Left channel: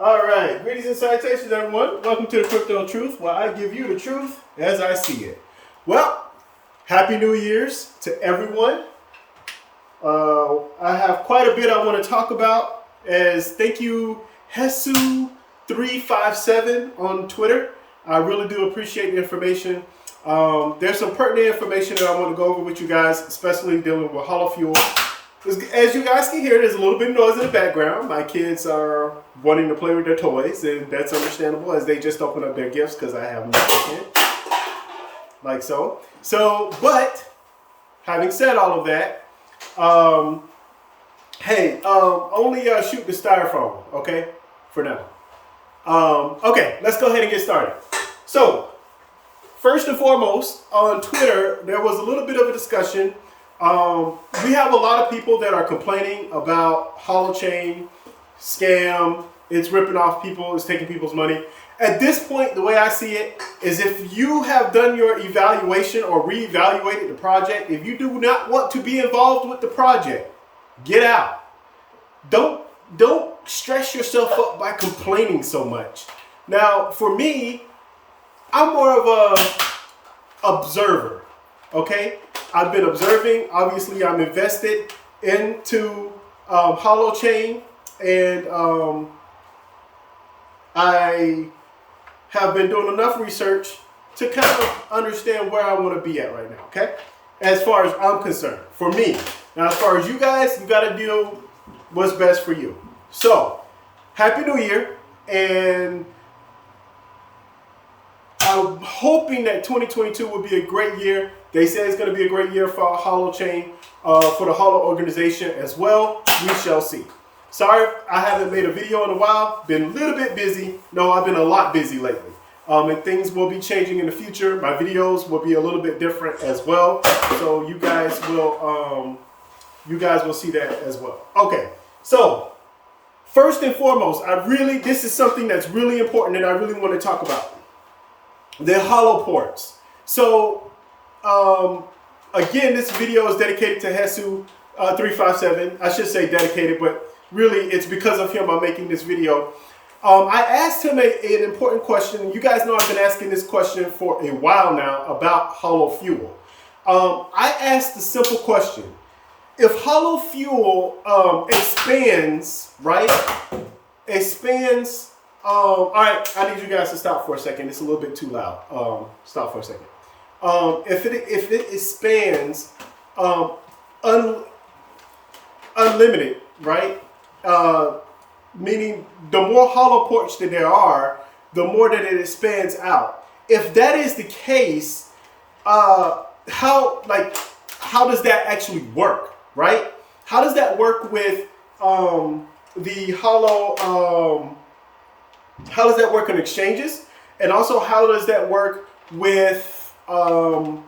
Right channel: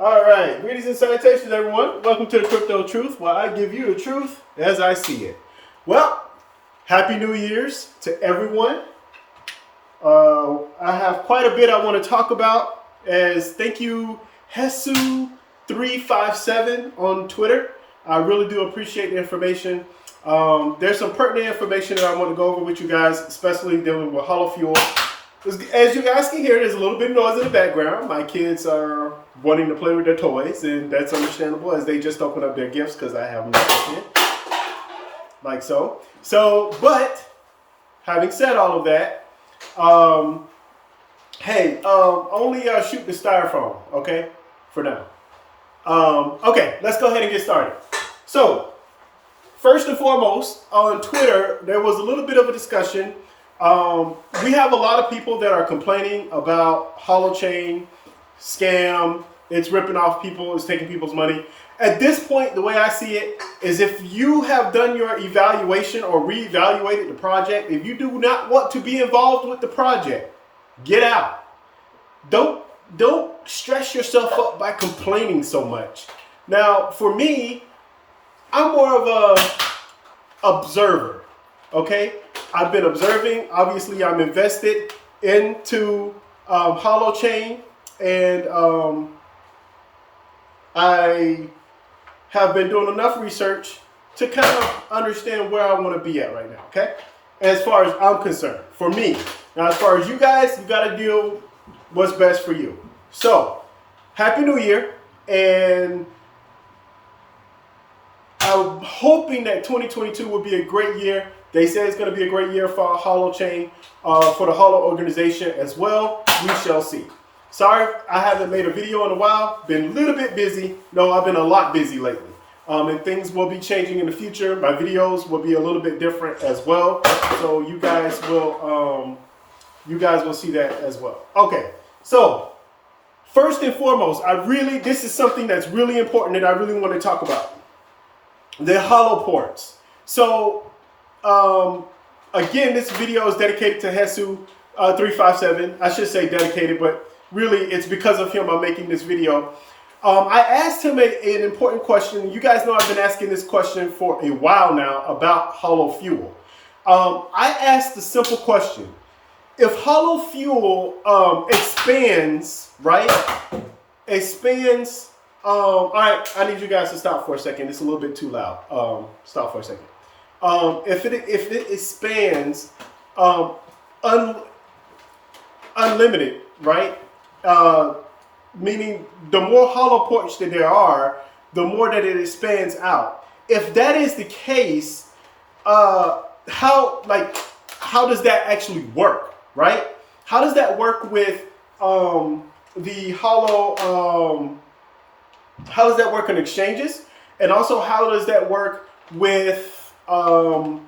All right, greetings and salutations, everyone. Welcome to the Crypto Truth, where I give you the truth as I see it. Well, Happy New Year's to everyone. I have quite a bit I want to talk about. As thank you, Hesu357 on Twitter. I really do appreciate the information. There's some pertinent information that I want to go over with you guys, especially dealing with Holofuel. As you guys can hear, there's a little bit of noise in the background. My kids are wanting to play with their toys, and that's understandable as they just open up their gifts because I have them open, like so. But having said all of that, only shoot the styrofoam, okay, for now. Okay, let's go ahead and get started. So, first and foremost, on Twitter, there was a little bit of a discussion. We have a lot of people that are complaining about holochain scam. It's ripping off people. It's taking people's money. At this point, the way I see it is if you have done your evaluation or reevaluated the project, if you do not want to be involved with the project, get out. Don't stress yourself up by complaining so much. Now, for me, I'm more of a observer, okay? I've been observing. Obviously, I'm invested into holochain, and I have been doing enough research to kind of understand where I want to be at right now, okay? As far as I'm concerned, for me. Now, as far as you guys, you got to do what's best for you. So, Happy New Year, and I'm hoping that 2022 will be a great year. They say it's going to be a great year for Holochain, for the Holo organization as well. We shall see. Sorry, I haven't made a video in a while. Been a little bit busy. No, I've been a lot busy lately. And things will be changing in the future. My videos will be a little bit different as well. So you guys will see that as well. Okay, so first and foremost, this is something that's really important that I really want to talk about. The holo ports. So again, this video is dedicated to Hesu357. I should say dedicated, but really it's because of him I'm making this video. I asked him an important question. You guys know I've been asking this question for a while now about Holofuel. I asked the simple question. If Holofuel expands, right? All right, I need you guys to stop for a second. It's a little bit too loud. Stop for a second. If it expands unlimited, right? Meaning the more holo ports that there are, the more that it expands out. If that is the case, how does that actually work, right? How does that work with the holo? How does that work in exchanges? And also, how does that work with Holofuel?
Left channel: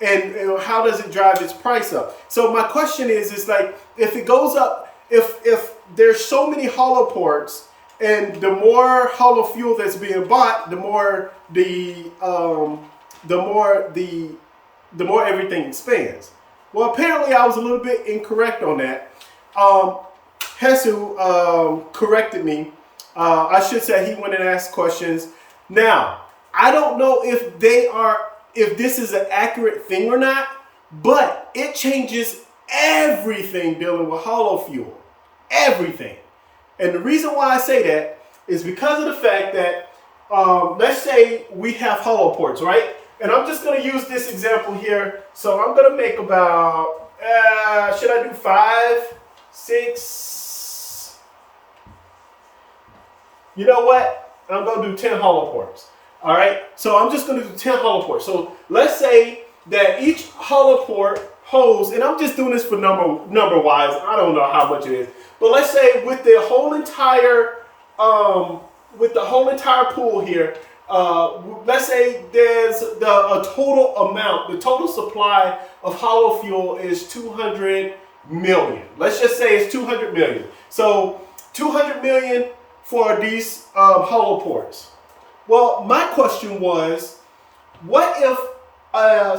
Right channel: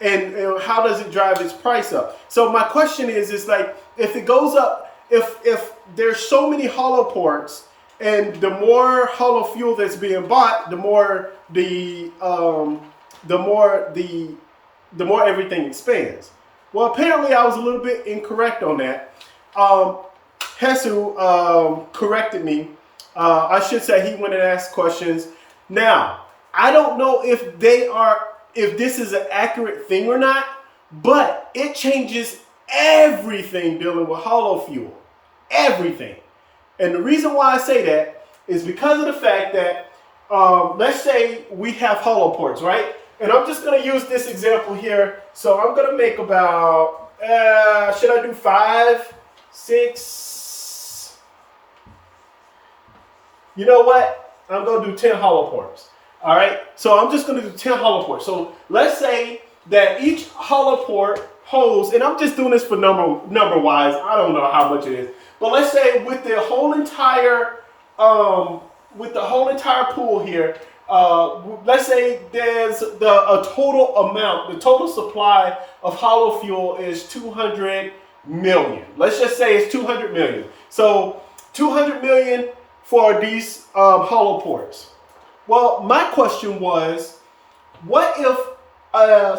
And how does it drive its price up? So my question is like, if it goes up, if there's so many holo ports, and the more Holofuel that's being bought, the more everything expands. Well, apparently I was a little bit incorrect on that. Hesu corrected me. I should say he went and asked questions. Now, I don't know if this is an accurate thing or not, but it changes everything dealing with Holofuel. Everything. And the reason why I say that is because of the fact that, let's say we have holo ports, right? And I'm just going to use this example here. So I'm going to make about, should I do 5, 6? You know what? I'm going to do 10 holo ports. All right. So I'm just going to do 10 holo ports. So let's say that each holo port holds, and I'm just doing this for number wise. I don't know how much it is, but let's say with the whole entire pool here, let's say there's the total supply of Holofuel is 200 million. Let's just say it's 200 million. So 200 million for these holo ports. Well, my question was, what if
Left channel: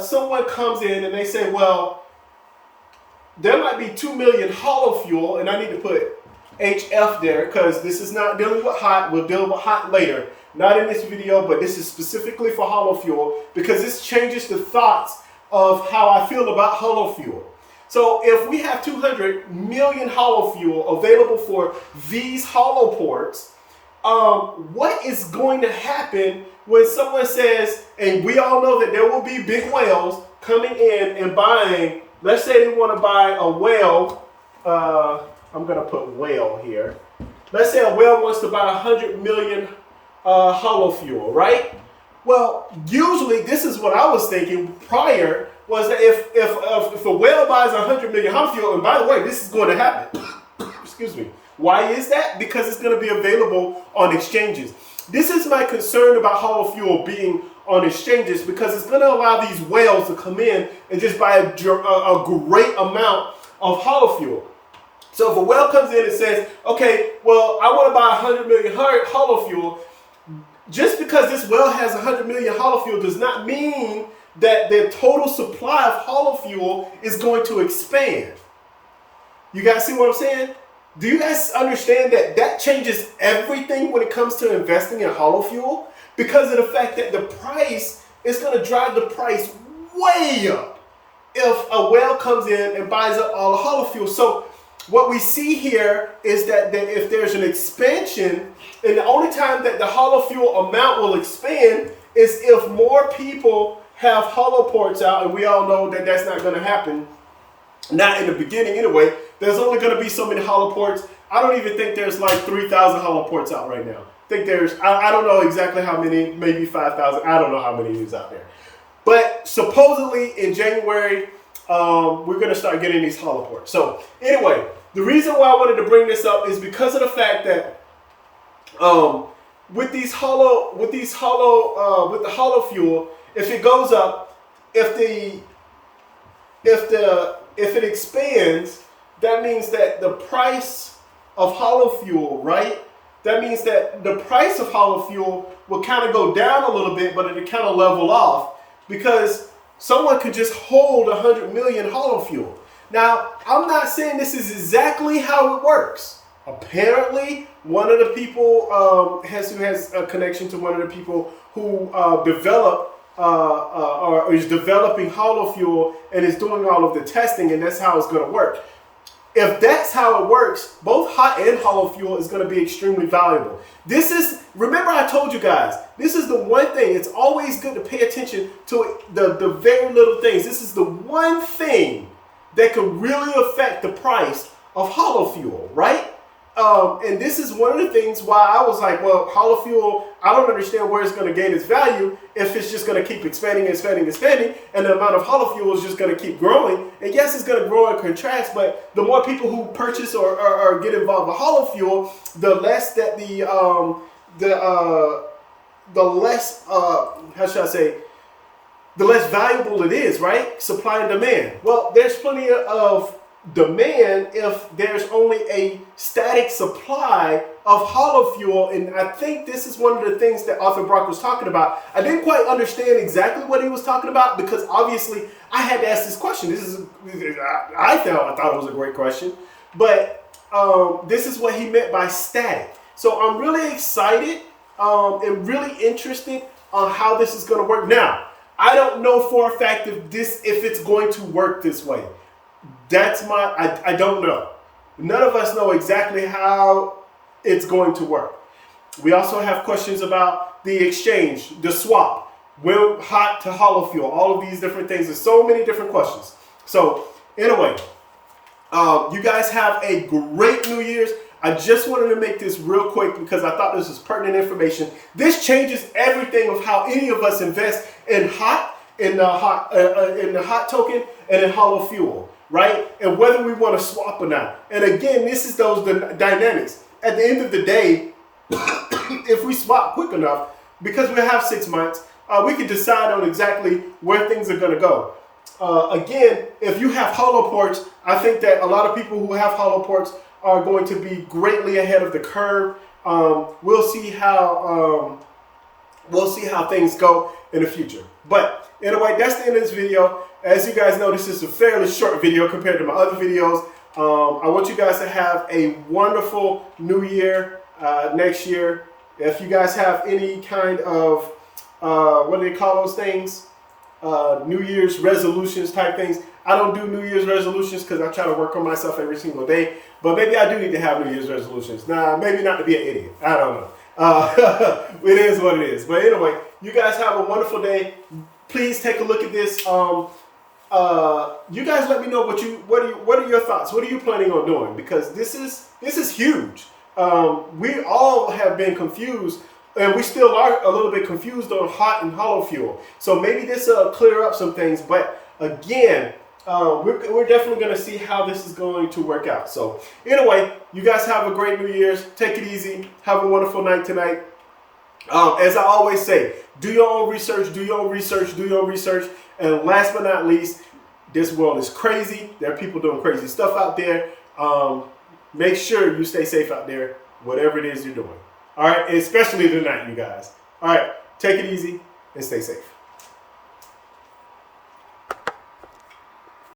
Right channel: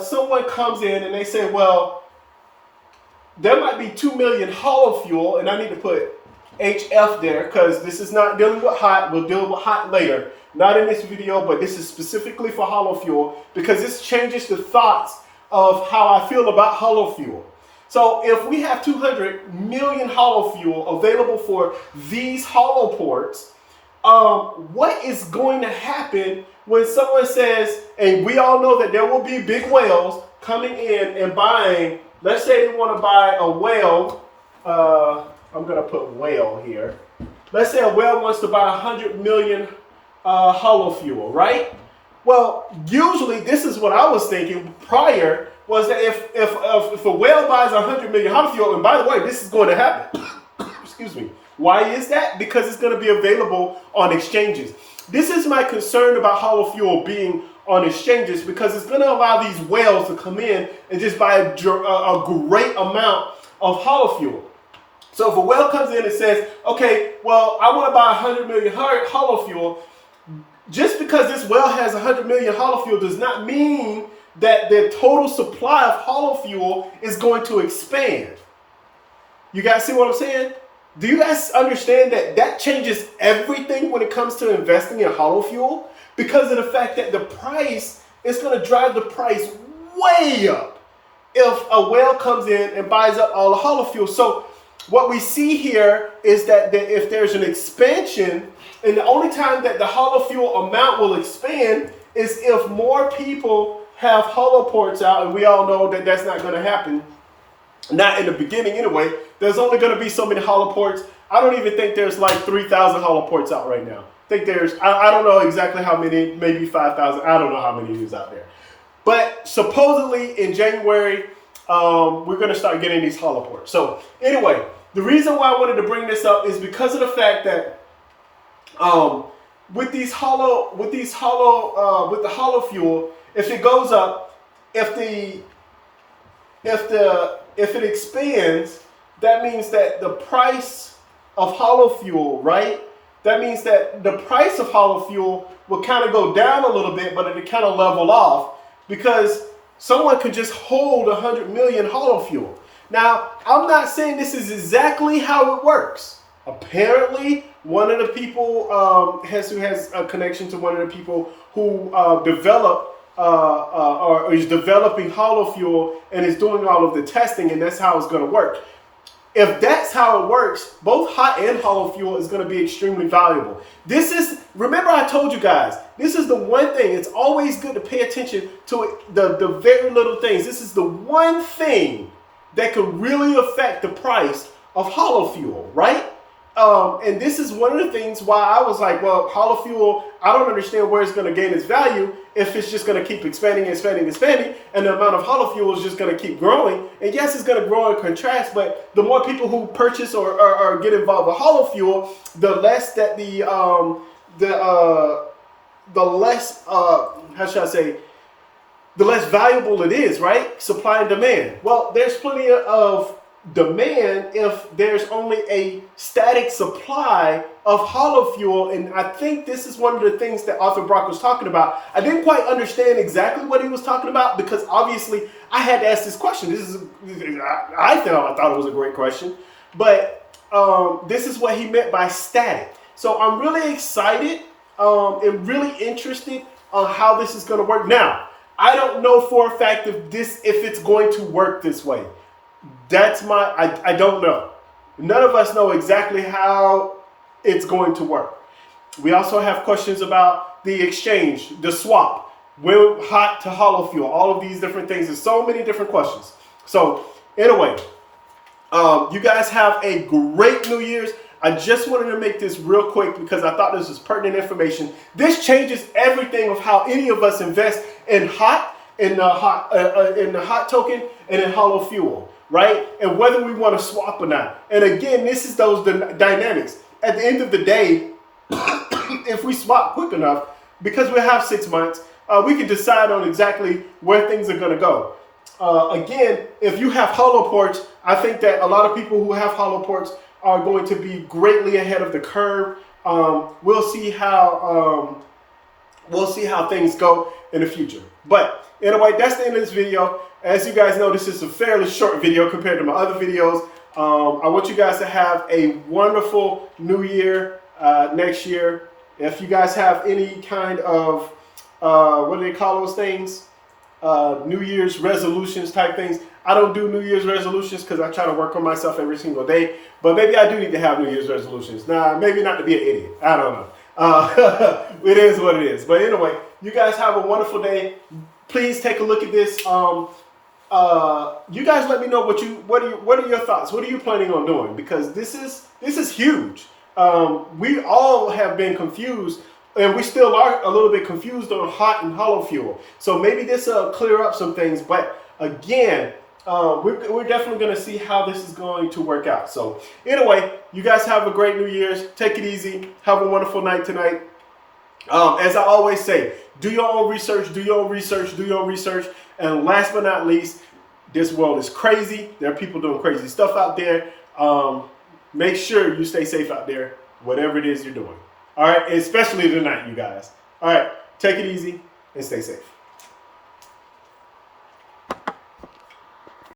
someone comes in and they say, well, there might be 2 million Holofuel, and I need to put HF there, because this is not dealing with hot. We'll deal with hot later. Not in this video, but this is specifically for Holofuel, because this changes the thoughts of how I feel about Holofuel. So if we have 200 million Holofuel available for these holo ports, what is going to happen when someone says, and we all know that there will be big whales coming in and buying, let's say they want to buy a whale, I'm going to put whale here. Let's say a whale wants to buy 100 million Holofuel, right? Well, usually this is what I was thinking prior, was that if a whale buys 100 million Holofuel, and by the way, this is going to happen. Excuse me. Why is that? Because it's going to be available on exchanges. This is my concern about Holofuel being on exchanges, because it's going to allow these whales to come in and just buy a great amount of Holofuel. So if a whale comes in and says, okay, well, I want to buy 100 million Holofuel, just because this whale has 100 million Holofuel does not mean that the total supply of Holofuel is going to expand. You guys see what I'm saying? Do you guys understand that that changes everything when it comes to investing in Holofuel? Because of the fact that the price is going to drive the price way up if a whale comes in and buys up all the Holofuel. So what we see here is that if there's an expansion, and the only time that the Holofuel amount will expand is if more people have holoports out, and we all know that that's not going to happen. Not in the beginning anyway. There's only going to be so many holoports. I don't even think there's like 3,000 holoports out right now. I think there's, I don't know exactly how many, maybe 5,000. I don't know how many is out there. But supposedly in January, we're going to start getting these holoports. So anyway, the reason why I wanted to bring this up is because of the fact that with the Holofuel, if it goes up, if it expands, that means that the price of Holofuel, right? That means that the price of Holofuel will kind of go down a little bit, but it'll kind of level off, because someone could just hold 100 million Holofuel. Now, I'm not saying this is exactly how it works. Apparently, one of the people who has a connection to one of the people who developed or is developing Holofuel and is doing all of the testing, and that's how it's going to work. If that's how it works, both hot and Holofuel is going to be extremely valuable. This is, remember I told you guys, this is the one thing, it's always good to pay attention to the very little things. This is the one thing that could really affect the price of Holofuel, right? And this is one of the things why I was like, well, Holofuel, I don't understand where it's going to gain its value if it's just going to keep expanding, and the amount of Holofuel is just going to keep growing. And yes, it's going to grow and contract, but the more people who purchase or get involved with Holofuel, the less that the less valuable it is, right? Supply and demand. Well, there's plenty of demand if there's only a static supply of Holofuel, and I think this is one of the things that Arthur Brock was talking about. I didn't quite understand exactly what he was talking about, because obviously I had to ask this question. I thought it was a great question, but this is what he meant by static. So I'm really excited and really interested on how this is going to work. Now, I don't know for a fact if it's going to work this way. I don't know. None of us know exactly how it's going to work. We also have questions about the exchange, the swap, hot to Holofuel, all of these different things. There's so many different questions. So anyway, you guys have a great New Year's. I just wanted to make this real quick because I thought this was pertinent information. This changes everything of how any of us invest in the hot token and in Holofuel, right? And whether we want to swap or not. And again, this is those dynamics. At the end of the day, if we swap quick enough, because we have 6 months, we can decide on exactly where things are going to go. Again, if you have holoports, I think that a lot of people who have holoports are going to be greatly ahead of the curve. We'll see how things go in the future. But anyway, that's the end of this video. As you guys know, this is a fairly short video compared to my other videos. I want you guys to have a wonderful new year next year. If you guys have any kind of, what do they call those things? New Year's resolutions type things. I don't do New Year's resolutions because I try to work on myself every single day. But maybe I do need to have New Year's resolutions. Nah, maybe not to be an idiot. I don't know. It is what it is. But anyway, you guys have a wonderful day. Please take a look at this. You guys let me know what are your thoughts? What are you planning on doing? Because this is huge. We all have been confused. And we still are a little bit confused on hot and hollow fuel. So maybe this will clear up some things. But again, we're definitely going to see how this is going to work out. So anyway, you guys have a great New Year's. Take it easy. Have a wonderful night tonight. As I always say, do your own research, do your own research, do your own research. And last but not least, this world is crazy. There are people doing crazy stuff out there. Make sure you stay safe out there, whatever it is you're doing. All right, especially tonight, you guys. All right, take it easy and stay safe.